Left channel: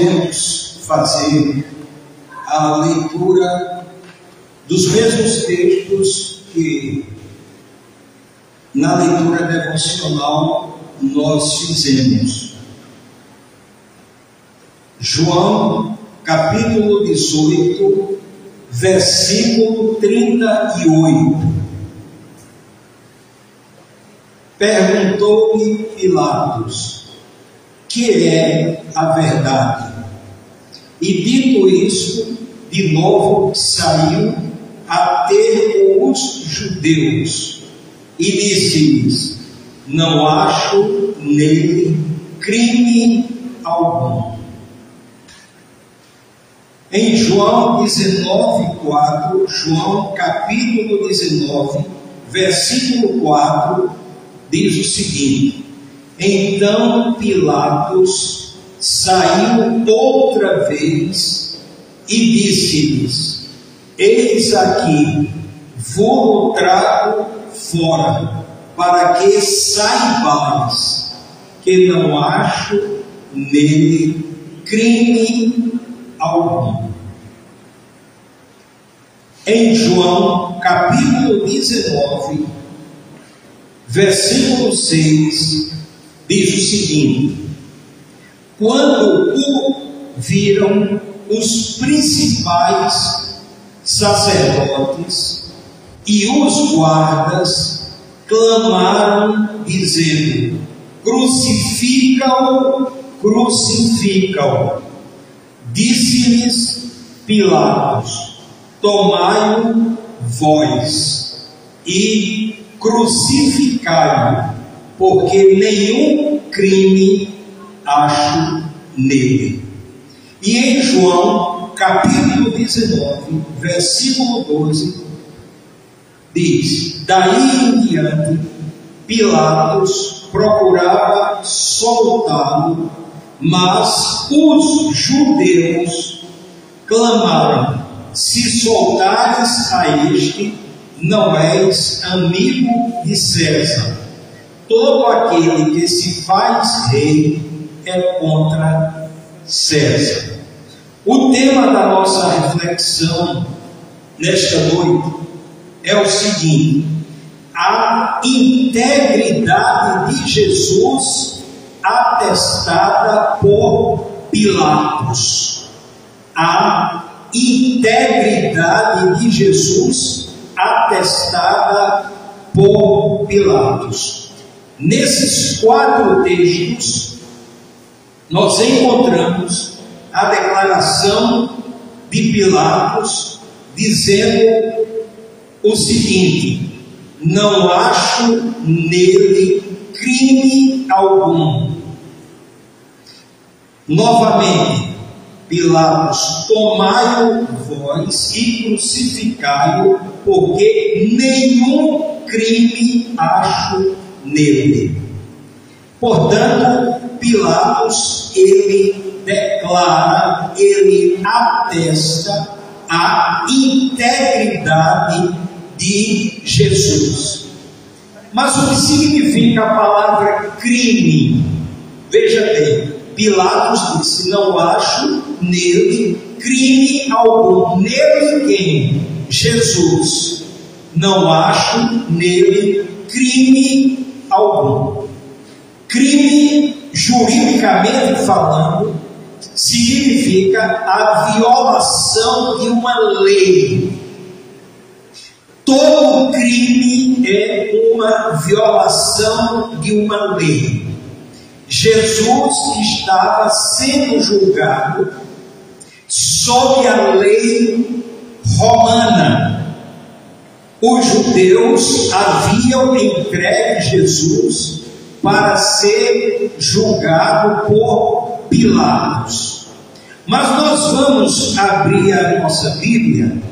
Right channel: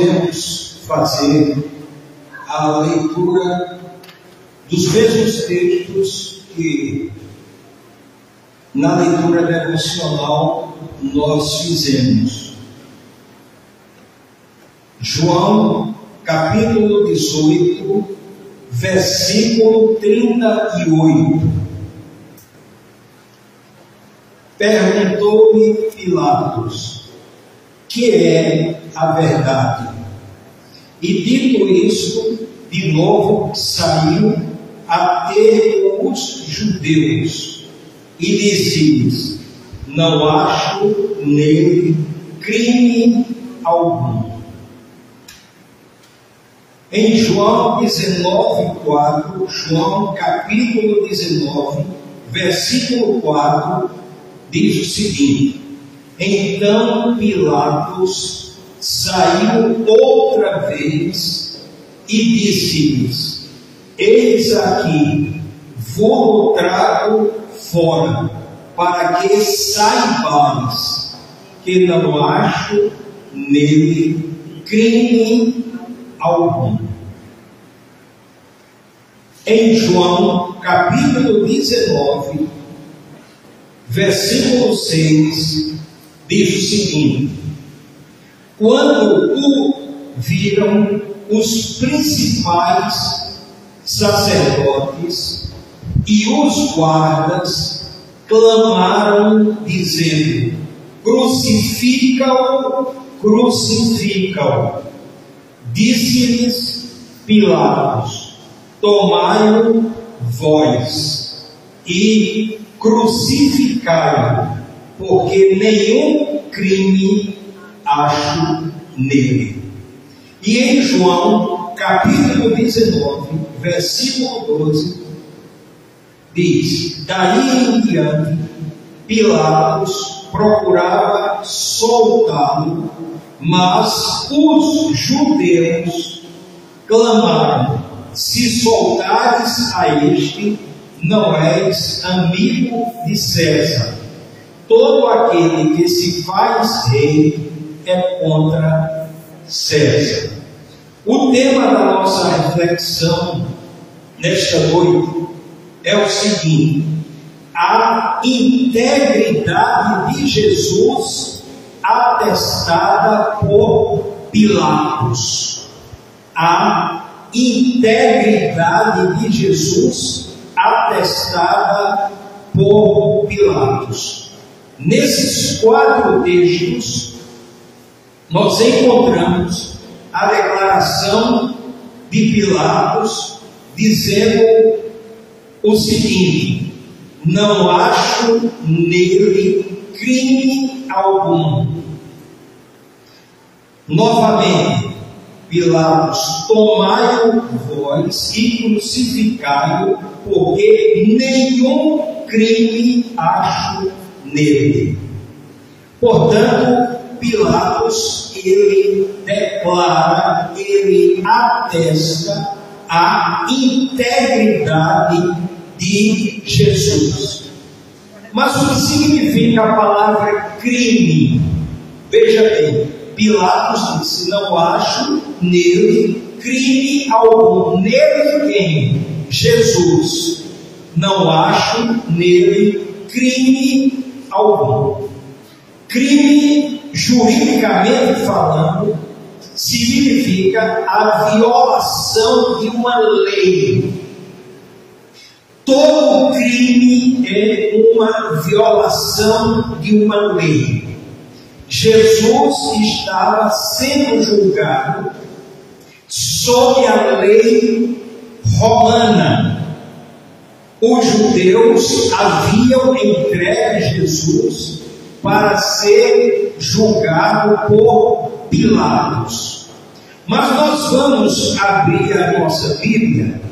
podemos fazer a leitura dos mesmos textos que na leitura devocional nós fizemos. João, capítulo 18, versículo 38. Perguntou-lhe Pilatos: que é a verdade? E dito isto, de novo saiu a ter com os judeus e disse-lhes: não acho nele crime algum. Em João 19:4, João capítulo 19, versículo 4, diz o seguinte: então Pilatos saiu outra vez e disse-lhes: eis aqui, vou trago fora, para que saibais que não acho nele crime algum. Em João capítulo 19, versículo 6, diz o seguinte: quando o viram os principais sacerdotes e os guardas, clamaram, dizendo: crucifica-o, crucifica-o. Disse-lhes Pilatos: tomai-o vós e crucificai-o, porque nenhum crime acho nele. E em João capítulo 19, versículo 12, diz: daí em diante Pilatos procurava soltá-lo, mas os judeus clamaram: se soltares a este, não és amigo de César. Todo aquele que se faz rei é contra César. O tema da nossa reflexão nesta noite é o seguinte: a integridade de Jesus atestada por Pilatos. A integridade de Jesus atestada por Pilatos. Nesses 4 textos, nós encontramos a declaração de Pilatos dizendo o seguinte: não acho nele crime algum. Novamente, Pilatos: tomai-o vós e crucificai-o, porque nenhum crime acho nele. Portanto, Pilatos, ele declara, ele atesta a integridade de Jesus. Mas o que significa a palavra crime? Veja bem, Pilatos disse: não acho nele crime algum. Nele quem? Jesus. Não acho nele crime algum. Crime, juridicamente falando, significa a violação de uma lei. Todo crime é uma violação de uma lei. Jesus estava sendo julgado sob a lei romana. Os judeus haviam entregue Jesus para ser julgado por Pilatos. Mas nós vamos abrir a nossa Bíblia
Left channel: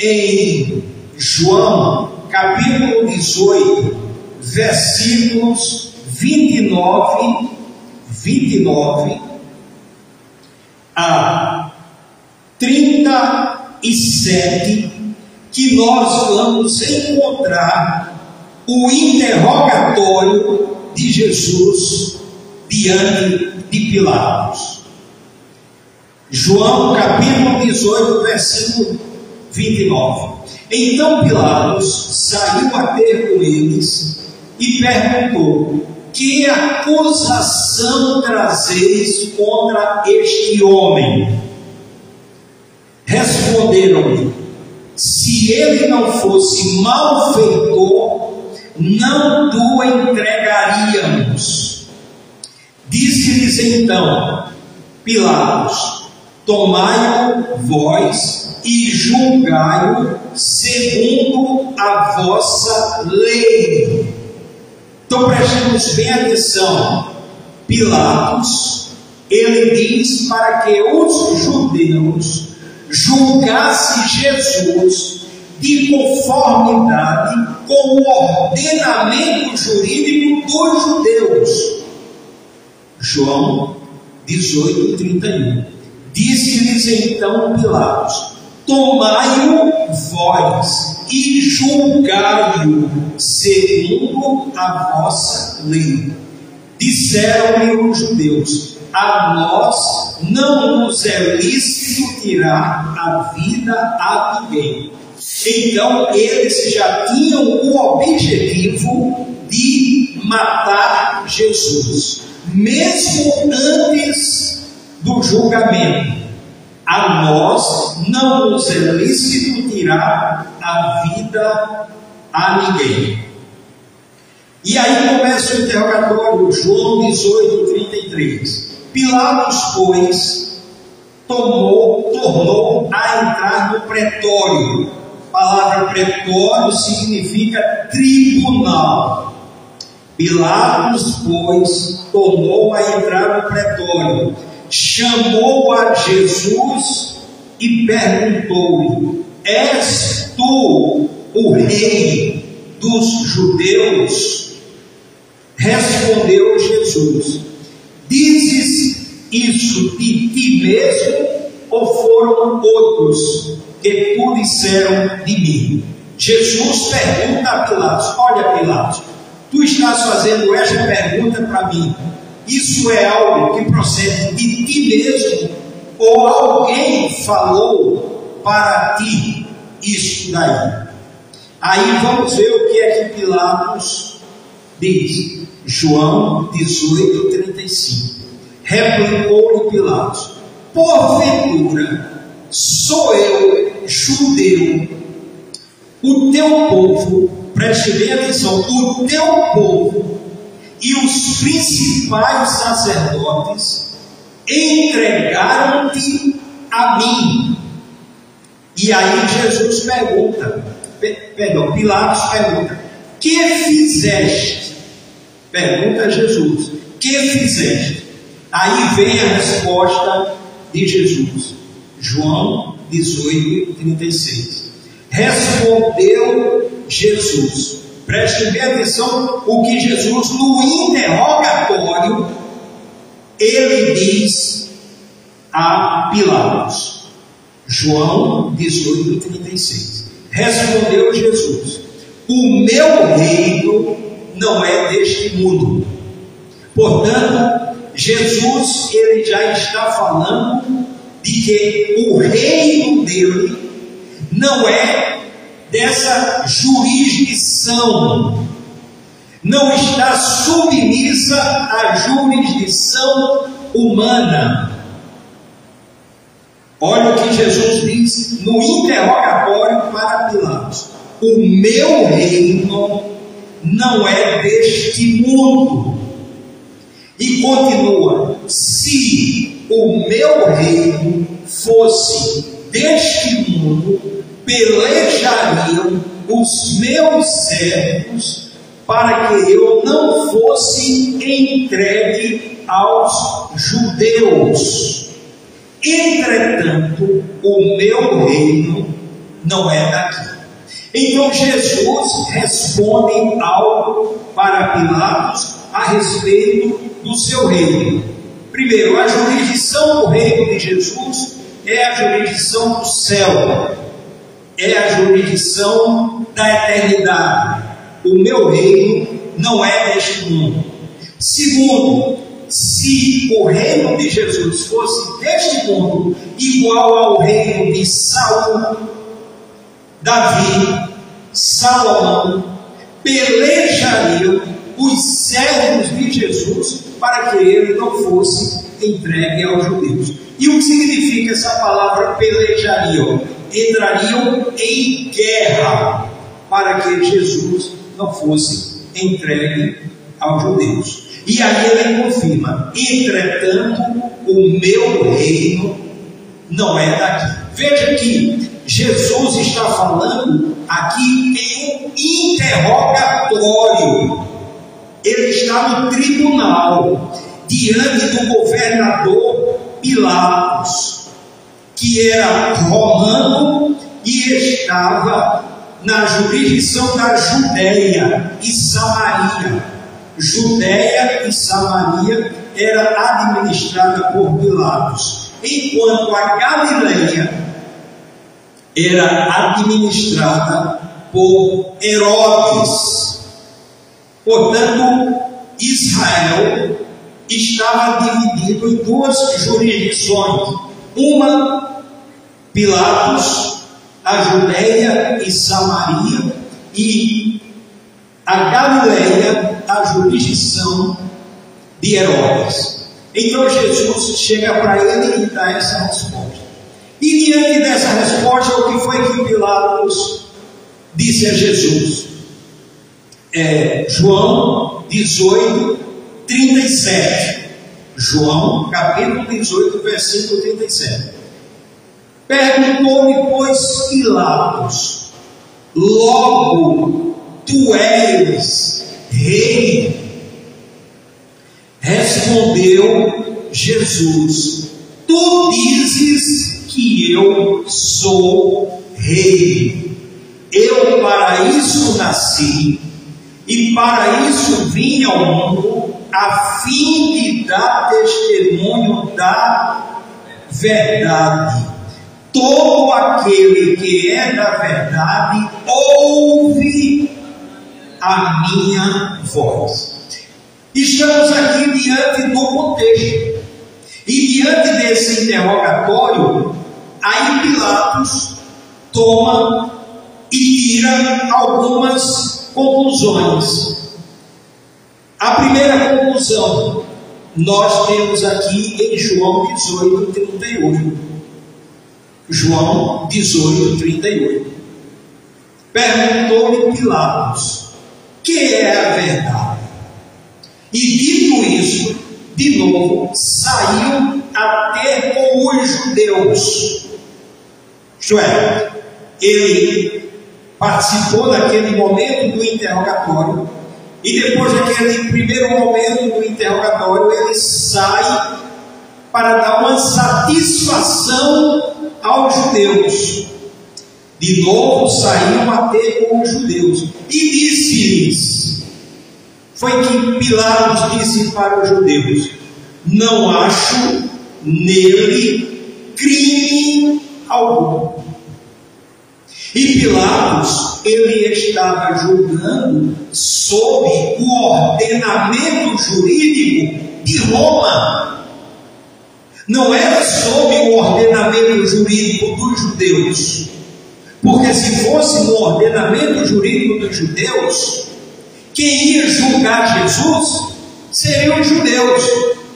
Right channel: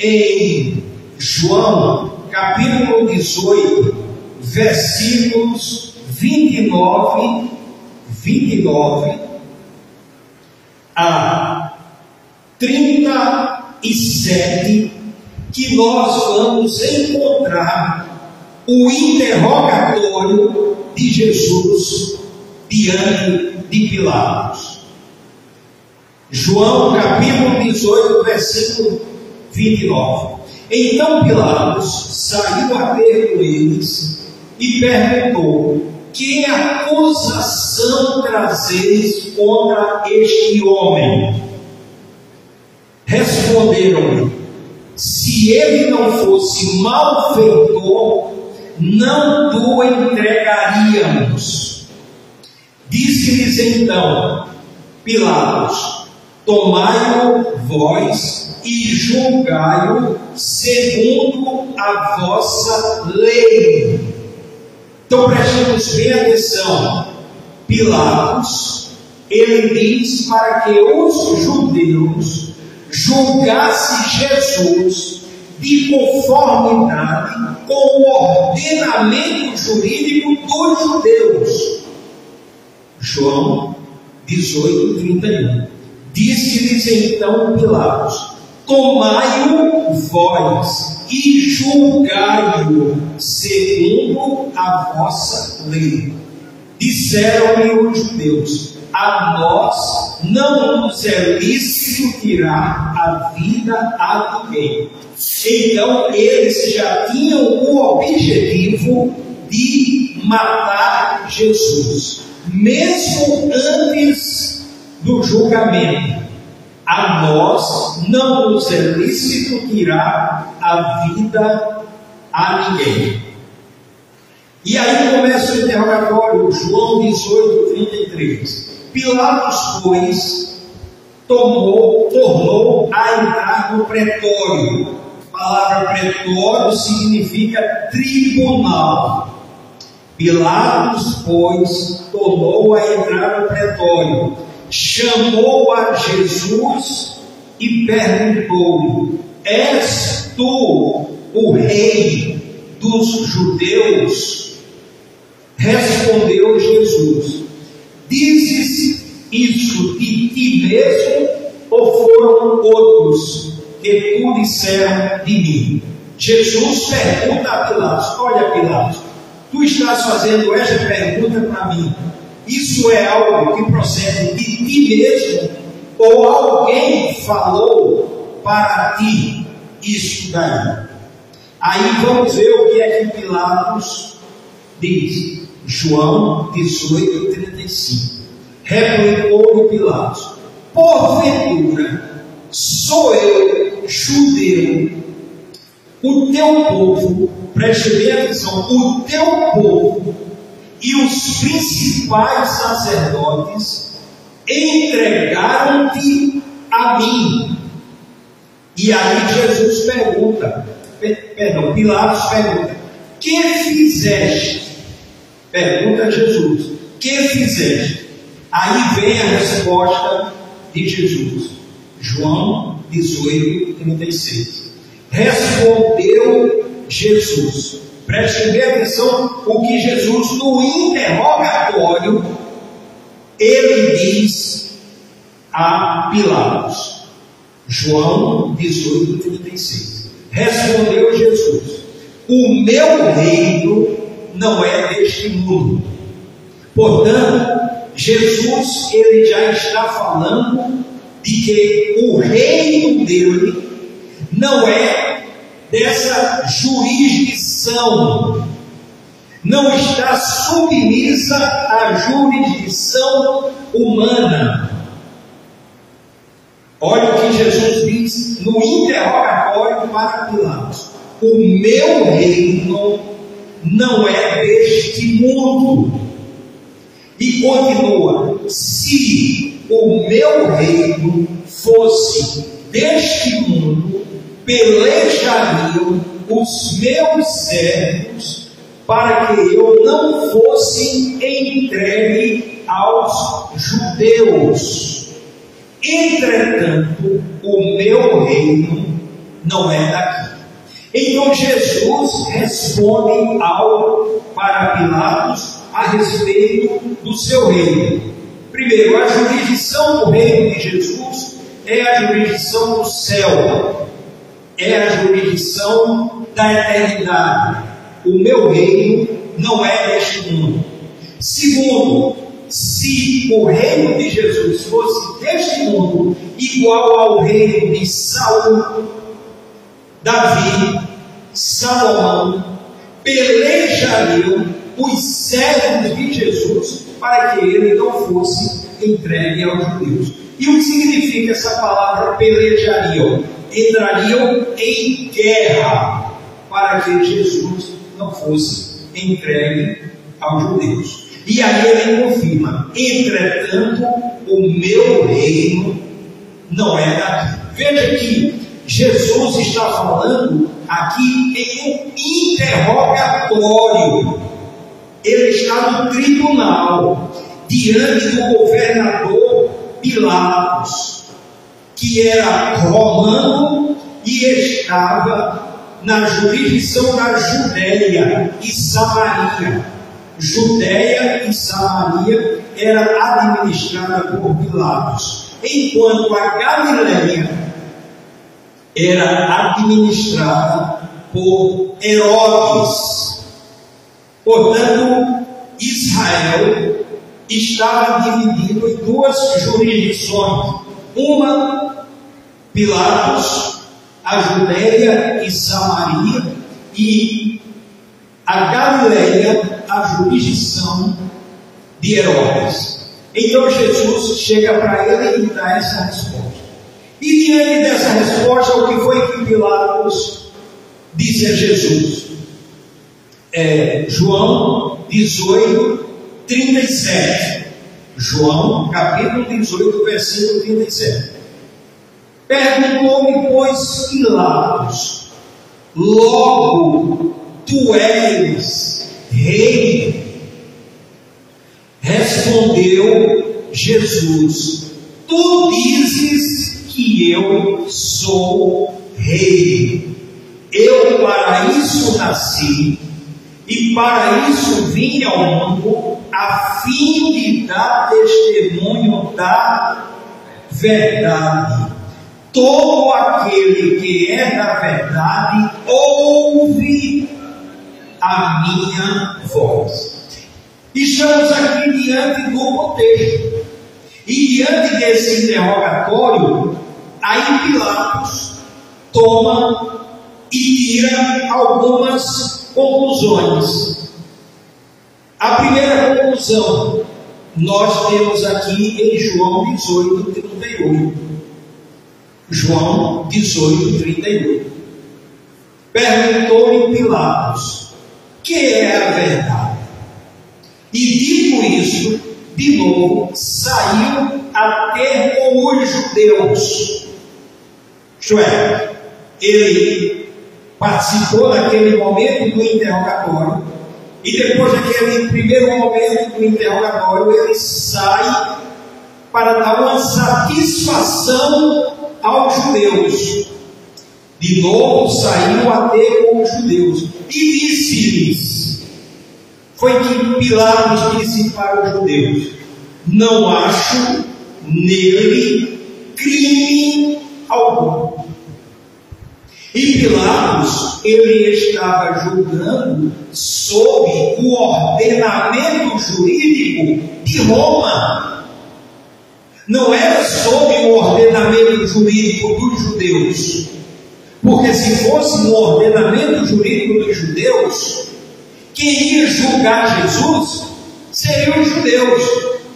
em João capítulo 18, versículos 29 a 37, que nós vamos encontrar o interrogatório de Jesus diante de Pilatos. João capítulo 18, versículo 29. Então Pilatos saiu a ter com eles e perguntou: que acusação trazeis contra este homem? Responderam-lhe: se ele não fosse malfeitor, não o entregaríamos. Disse-lhes então Pilatos: tomai-o vós e julgai-o segundo a vossa lei. Então prestemos bem atenção. Pilatos, ele diz para que os judeus julgassem Jesus de conformidade com o ordenamento jurídico dos judeus. João 18, 31. Disse-lhes então Pilatos: tomai-o vós e julgai-o segundo a vossa lei. Disseram-lhe os judeus: a nós não nos é lícito tirar a vida a ninguém. Então eles já tinham o objetivo de matar Jesus, mesmo antes do julgamento. A nós não nos é lícito tirar a vida a ninguém. E aí começa o interrogatório, João 18, 33. Pilatos, pois, tornou a entrar no pretório. A palavra pretório significa tribunal. Pilatos, pois, tornou a entrar no pretório, chamou a Jesus e perguntou-lhe: és tu o rei dos judeus? Respondeu Jesus: dizes isso de ti mesmo, ou foram outros que tu disseram de mim? Jesus pergunta a Pilatos: olha, Pilatos, tu estás fazendo esta pergunta para mim, isso é algo que procede de ti mesmo, ou alguém falou para ti isso daí? Aí vamos ver o que é que Pilatos diz. João 18, 35. Replicou-lhe Pilatos: porventura sou eu judeu? O teu povo, preste bem atenção, o teu povo e os principais sacerdotes entregaram-te a mim. E aí Jesus Pilatos pergunta: que fizeste? Pergunta a Jesus: que fizeste? Aí vem a resposta de Jesus. João 18, 36. Respondeu Jesus. Preste bem atenção o que Jesus, no interrogatório, ele diz a Pilatos. João 18, 36. Respondeu Jesus: o meu reino não é deste mundo. Portanto, Jesus, ele já está falando de que o reino dele não é dessa jurisdição, não está submissa à jurisdição humana. Olha o que Jesus diz no interrogatório para Pilatos: o meu reino não é deste mundo. E continua: se o meu reino fosse deste mundo, pelejariam os meus servos para que eu não fosse entregue aos judeus. Entretanto, o meu reino não é daqui. Então Jesus responde algo para Pilatos a respeito do seu reino. Primeiro, a jurisdição do reino de Jesus é a jurisdição do céu, é a jurisdição da eternidade. O meu reino não é deste mundo. Segundo, se o reino de Jesus fosse deste mundo, igual ao reino de Saul, Davi, Salomão, pelejariam os servos de Jesus para que ele não fosse entregue aos judeus. E o que significa essa palavra pelejariam? Entrariam em guerra para que Jesus não fosse entregue aos judeus. E aí ele confirma: entretanto, o meu reino não é daqui. Veja que Jesus está falando aqui em um interrogatório. Ele está no tribunal, diante do governador Pilatos, que era romano e estava na jurisdição da Judéia e Samaria. Judéia e Samaria era administrada por Pilatos, enquanto a Galileia era administrada por Herodes. Portanto, Israel estava dividido em duas jurisdições: uma, Pilatos, a Judéia e Samaria, e a Galileia, a jurisdição de Herodes. Então Jesus chega para ele e dá essa resposta. E diante dessa resposta, o que foi que Pilatos disse a Jesus? João 18, 37. João, capítulo 18, versículo 37. Perguntou-lhe, pois, Pilatos: logo tu és rei? Respondeu Jesus: tu dizes que eu sou rei. Eu para isso nasci, e para isso vim ao mundo, a fim de dar testemunho da verdade. Todo aquele que é da verdade ouve a minha voz. Estamos aqui diante do contexto, e diante desse interrogatório, aí Pilatos toma e tira algumas conclusões. A primeira conclusão nós temos aqui em João 18, 38. João 18, 38. Perguntou-lhe Pilatos: que é a verdade? E dito isso, de novo, saiu a ter com os judeus. Isto é, ele participou daquele momento do interrogatório, e depois daquele primeiro momento do interrogatório, ele sai para dar uma satisfação aos judeus. De novo saiu a ter com os judeus e disse-lhes, foi que Pilatos disse para os judeus: não acho nele crime algum. E Pilatos, ele estava julgando sob o ordenamento jurídico de Roma. Não era sob o ordenamento jurídico dos judeus. Porque se fosse no ordenamento jurídico dos judeus, quem ia julgar Jesus seriam os judeus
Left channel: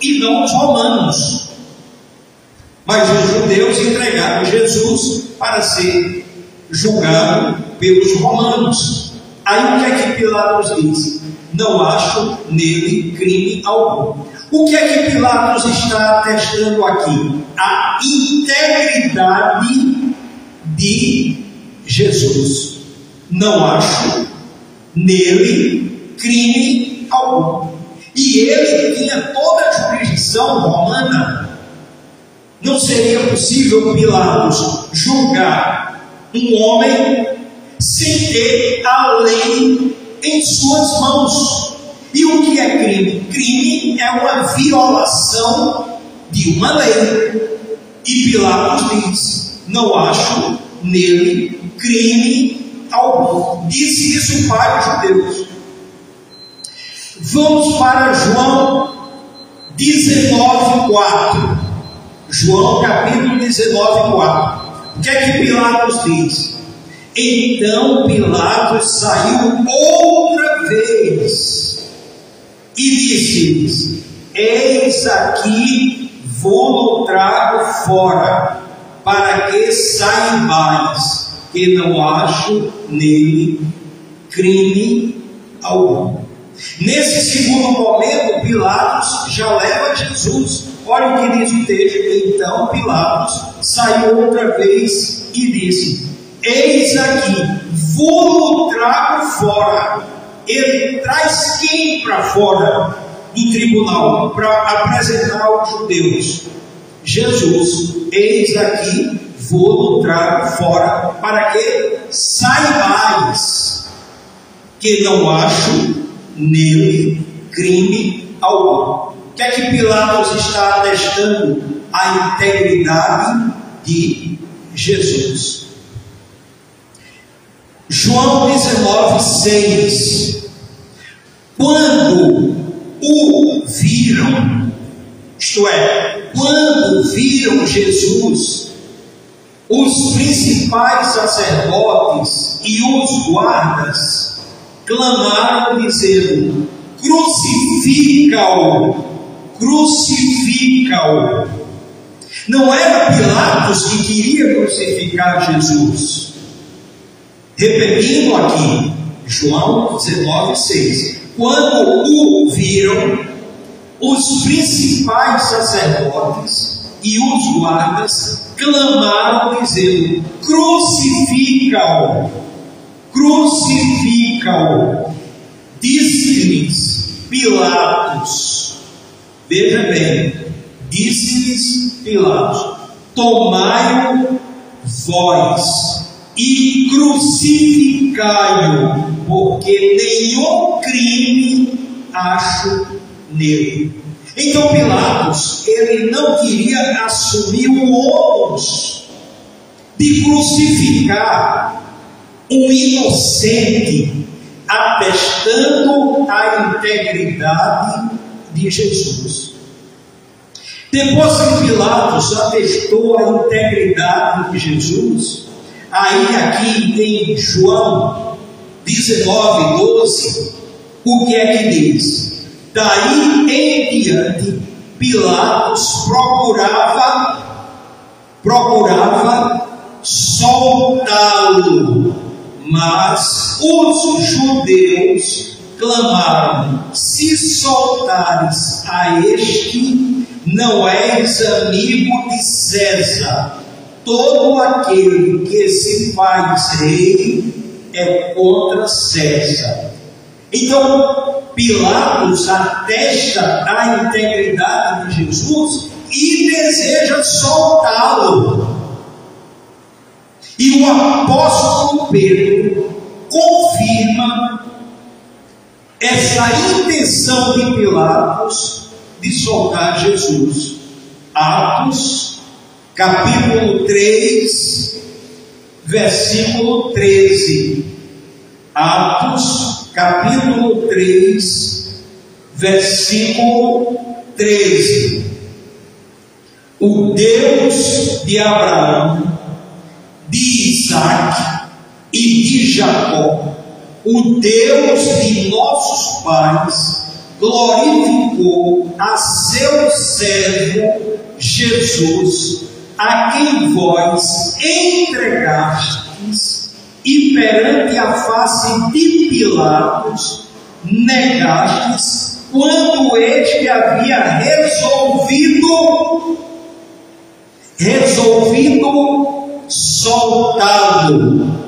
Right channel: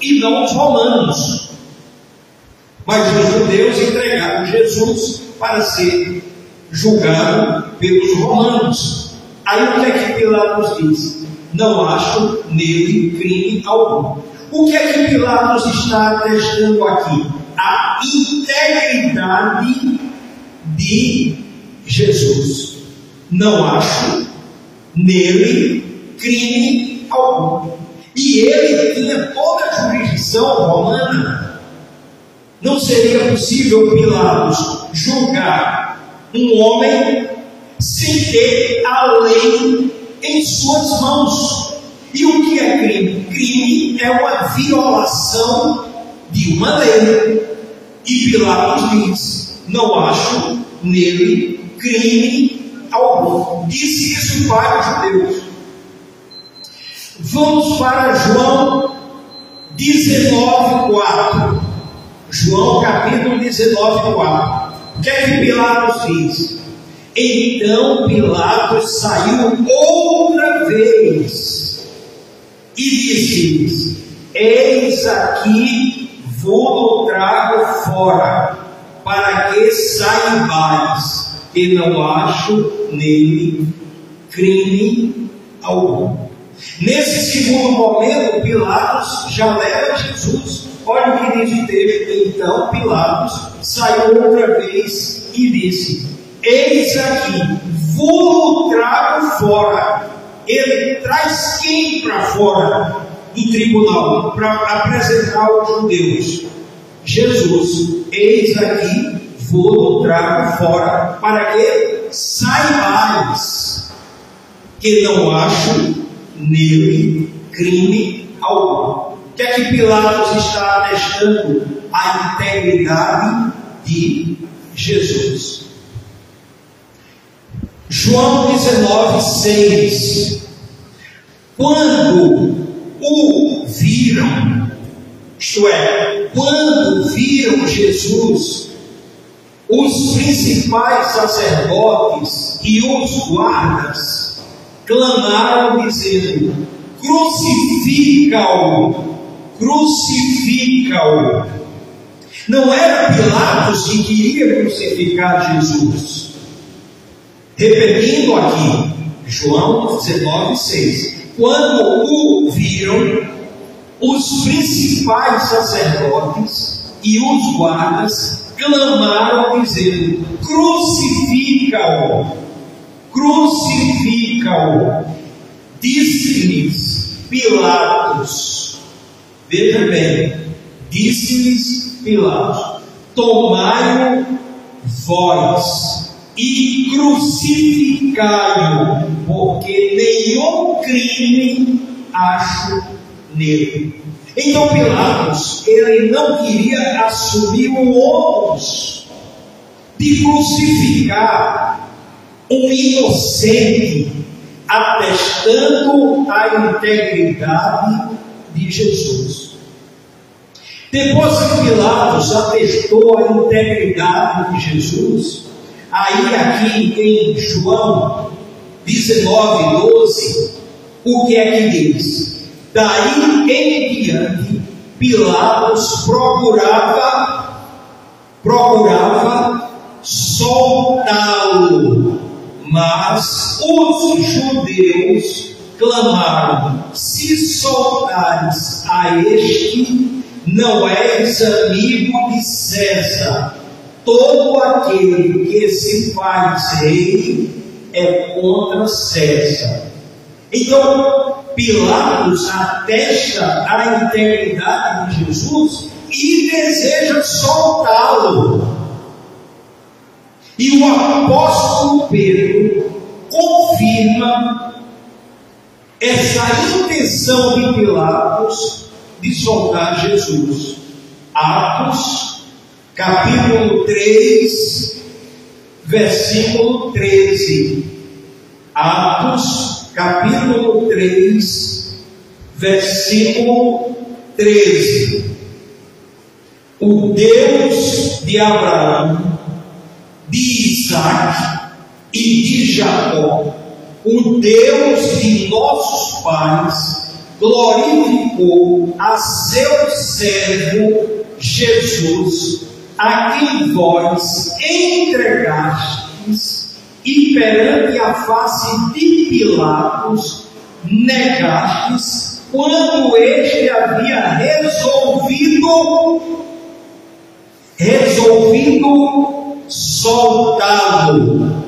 e não os romanos. Mas os judeus entregaram Jesus para ser julgado pelos romanos. Aí o que é que Pilatos diz? Não acho nele crime algum. O que é que Pilatos está atestando aqui? A integridade de Jesus. Não acho nele crime algum. E ele tinha toda a jurisdição romana. Não seria possível Pilatos julgar um homem sem ter a lei em suas mãos. E o que é crime? Crime é uma violação de uma lei. E Pilatos diz: não acho nele crime algum. Disse isso para os judeus. Vamos para João 19, 4. João capítulo 19, 4. O que é que Pilatos diz? Então Pilatos saiu outra vez e disse-lhes: eis aqui vou trago fora, para que saibais que não acho nele crime algum. Nesse segundo momento, Pilatos já leva Jesus. Olha o que diz o texto. Então Pilatos saiu outra vez e disse: eis aqui, vou trago fora. Ele traz quem para fora do tribunal para apresentar aos judeus? Jesus. Eis aqui, vou trago fora, para que saibais que não acho nele crime algum. O que é que Pilatos está atestando? A integridade de Jesus. João 19, 6. Quando o viram, isto é, quando viram Jesus, os principais sacerdotes e os guardas clamaram dizendo: crucifica-o, crucifica-o. Não era Pilatos que queria crucificar Jesus. Repetindo aqui, João 19, 6. Quando o viram, os principais sacerdotes e os guardas clamaram dizendo: crucifica-o, crucifica-o. Disse-lhes Pilatos, veja bem, disse-lhes Pilatos: tomai-o vós e crucificai-o, porque nenhum crime acho nele. Então Pilatos, ele não queria assumir o ônus de crucificar um inocente, atestando a integridade de Jesus. Depois que Pilatos atestou a integridade de Jesus, aí aqui em João 19, 12, o que é que diz? Daí em diante, Pilatos procurava soltá-lo, mas os judeus clamaram: se soltares a este, não és amigo de César. Todo aquele que se faz rei é contra César. Então Pilatos atesta a integridade de Jesus e deseja soltá-lo. E o apóstolo Pedro confirma essa intenção de Pilatos de soltar Jesus. Atos, capítulo 3, versículo 13. Atos, capítulo 3, versículo 13. O Deus de Abraão, de Isaac e de Jacó, o Deus de nossos pais, glorificou a seu servo Jesus, a quem vós entregastes e perante a face de Pilatos negastes, quando este havia resolvido soltá-lo.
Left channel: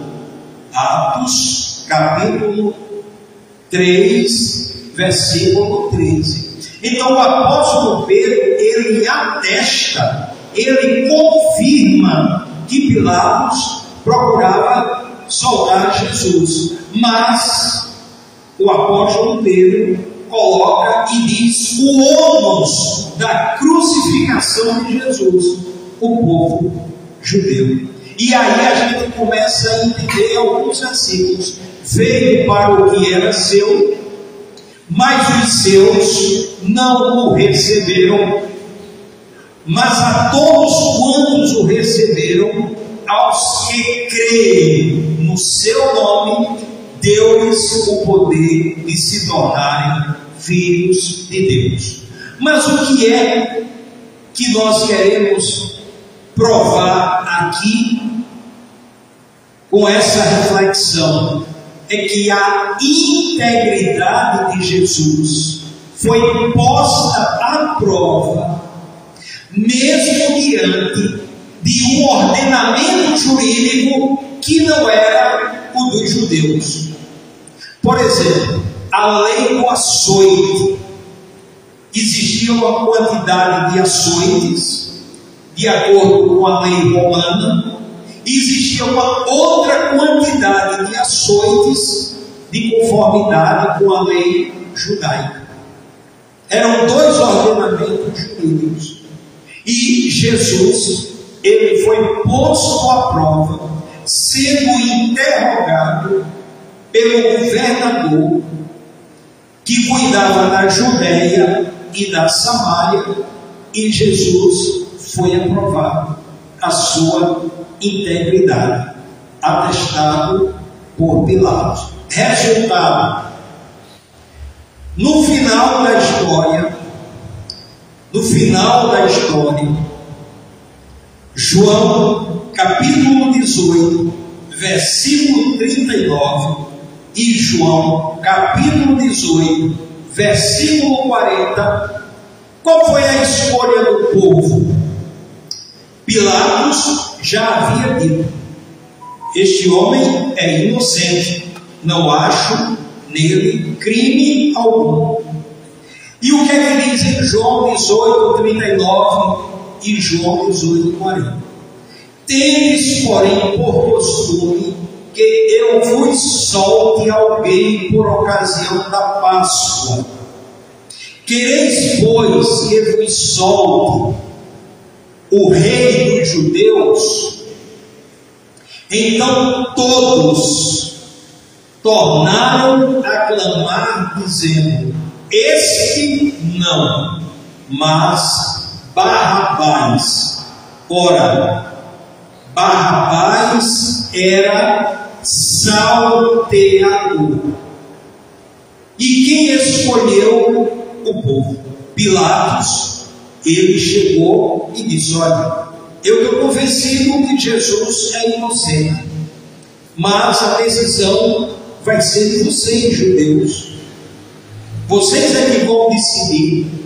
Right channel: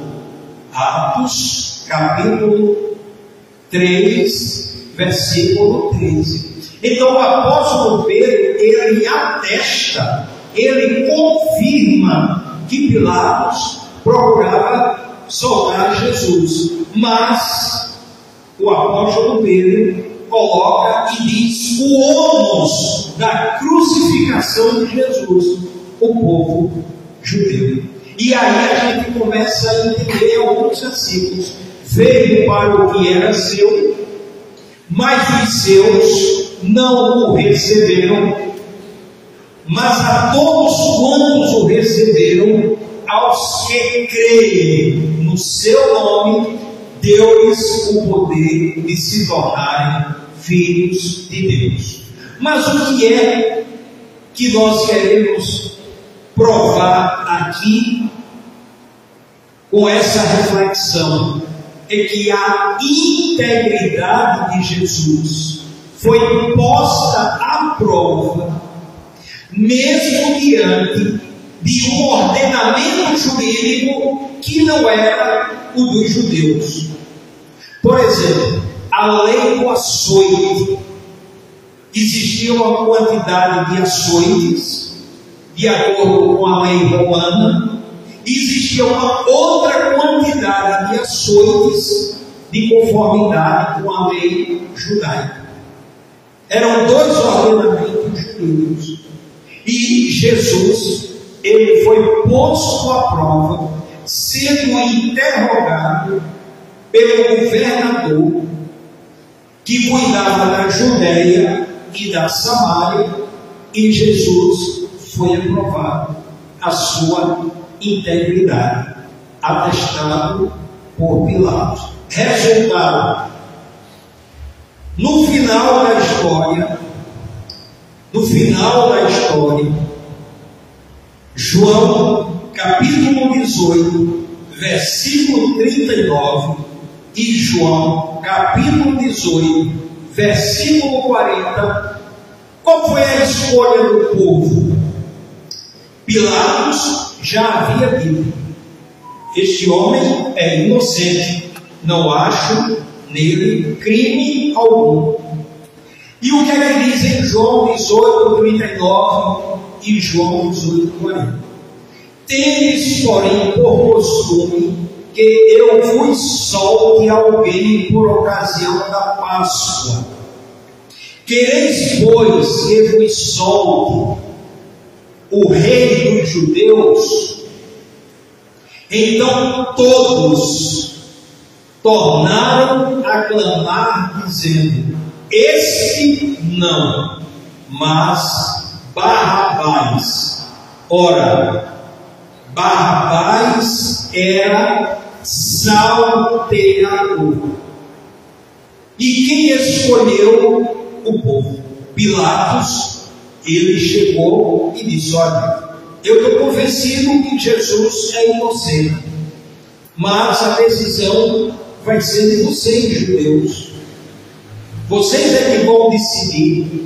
Atos, capítulo 3, versículo 13. Então o apóstolo Pedro, ele atesta, ele confirma que Pilatos procurava soltar Jesus, mas o apóstolo Pedro coloca e diz o ônus da crucificação de Jesus, o povo judeu. E aí a gente começa a entender alguns versículos. Veio para o que era seu, mas os seus não o receberam. mas a todos quantos o receberam, aos que creem no seu nome, deu-lhes o poder de se tornarem filhos de Deus. Mas o que é que nós queremos provar aqui com essa reflexão? É que a integridade de Jesus foi posta à prova, mesmo diante de um ordenamento jurídico que não era o dos judeus. Por exemplo, a lei do açoite. Existia uma quantidade de açoites, de acordo com a lei romana, e existia uma outra quantidade de açoites de conformidade com a lei judaica. Eram dois ordenamentos jurídicos. E Jesus, ele foi posto à prova, sendo interrogado pelo governador que cuidava da Judeia e da Samaria, e Jesus foi aprovado a sua integridade, atestado por Pilatos. Resultado: no final da história, João capítulo 18, versículo 39, e João capítulo 18, versículo 40, qual foi a escolha do povo? Pilatos já havia dito: este homem é inocente, não acho nele crime algum. E o que é que diz em João 18, 39 e João 18, 40? Tendes, porém, por costume que eu vos solte alguém por ocasião da Páscoa. Quereis, pois, que vos solte o rei dos judeus? Então todos tornaram a clamar, dizendo: este não, mas Barrabás. Ora, Barrabás era salteador. E quem escolheu? O povo. Pilatos, ele chegou e disse: olha, eu estou convencido que Jesus é inocente, mas a decisão vai ser de vocês, judeus. Vocês é que vão decidir.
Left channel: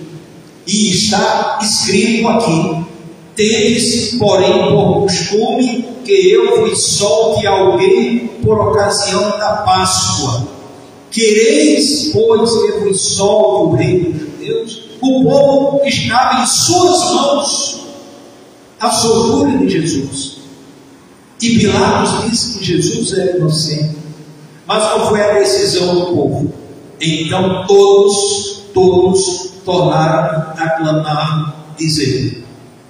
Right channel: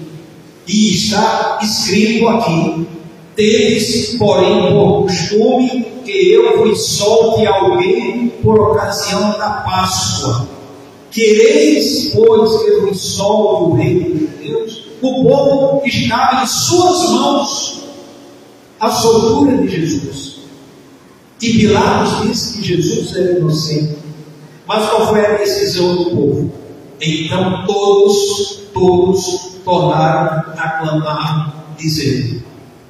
E está escrito aqui: tendes, porém, por costume que eu vos solte alguém por ocasião da Páscoa. Quereis, pois, que vos solte o rei dos judeus? O povo estava em suas mãos, a soltura de Jesus. E Pilatos disse que Jesus era inocente. Mas qual foi a decisão do povo? Então todos tornaram a clamar, dizendo:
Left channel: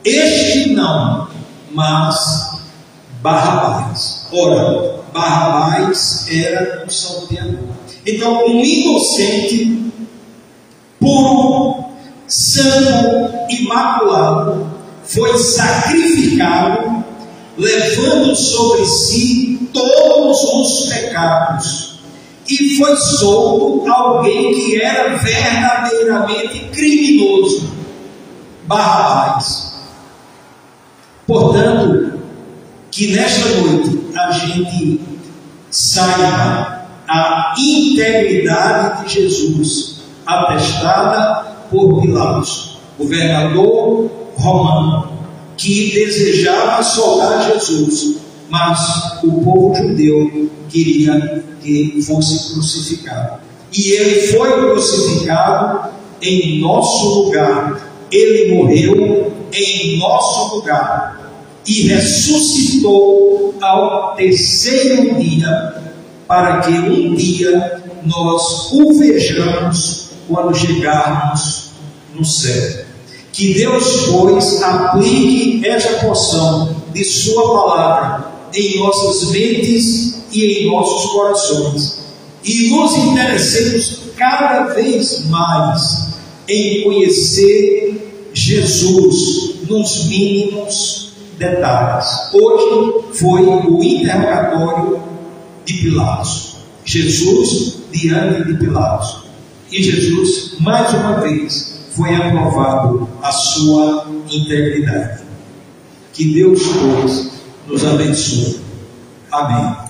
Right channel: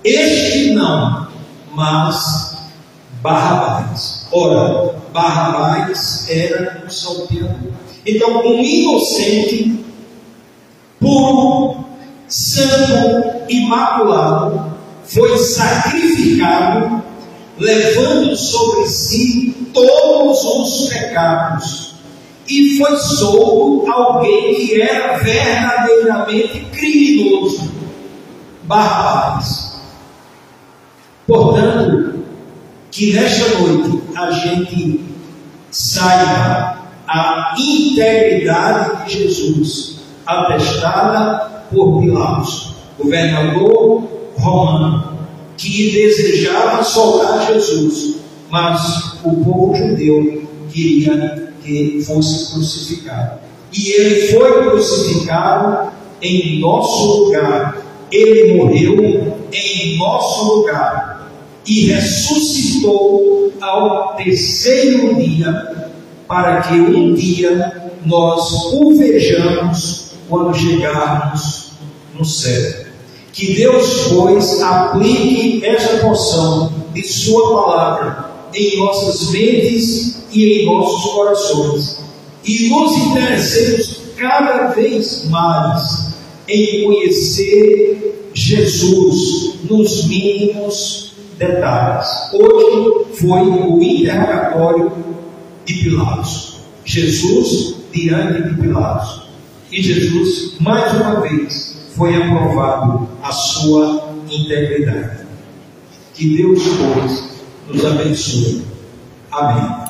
este não, mas Barrabás. Ora, Barrabás era um salteador. Então, um inocente, puro, santo, imaculado, foi sacrificado, levando sobre si todos os pecados, e foi solto alguém que era verdadeiramente criminoso, Barrabás. Portanto, que nesta noite a gente saiba a integridade de Jesus, atestada por Pilatos, governador romano, que desejava soltar Jesus, mas o povo judeu queria que fosse crucificado. E ele foi crucificado em nosso lugar. Ele morreu em nosso lugar e ressuscitou ao terceiro dia, para que um dia nós o vejamos quando chegarmos no céu. Que Deus, pois, aplique esta porção de sua palavra em nossas mentes e em nossos corações, e nos interessemos cada vez mais em conhecer Jesus nos mínimos detalhes. Hoje foi o interrogatório de Pilatos. Jesus diante de Pilatos. E Jesus, mais uma vez, foi aprovado a sua integridade. Que Deus, pois, nos abençoe. Amém.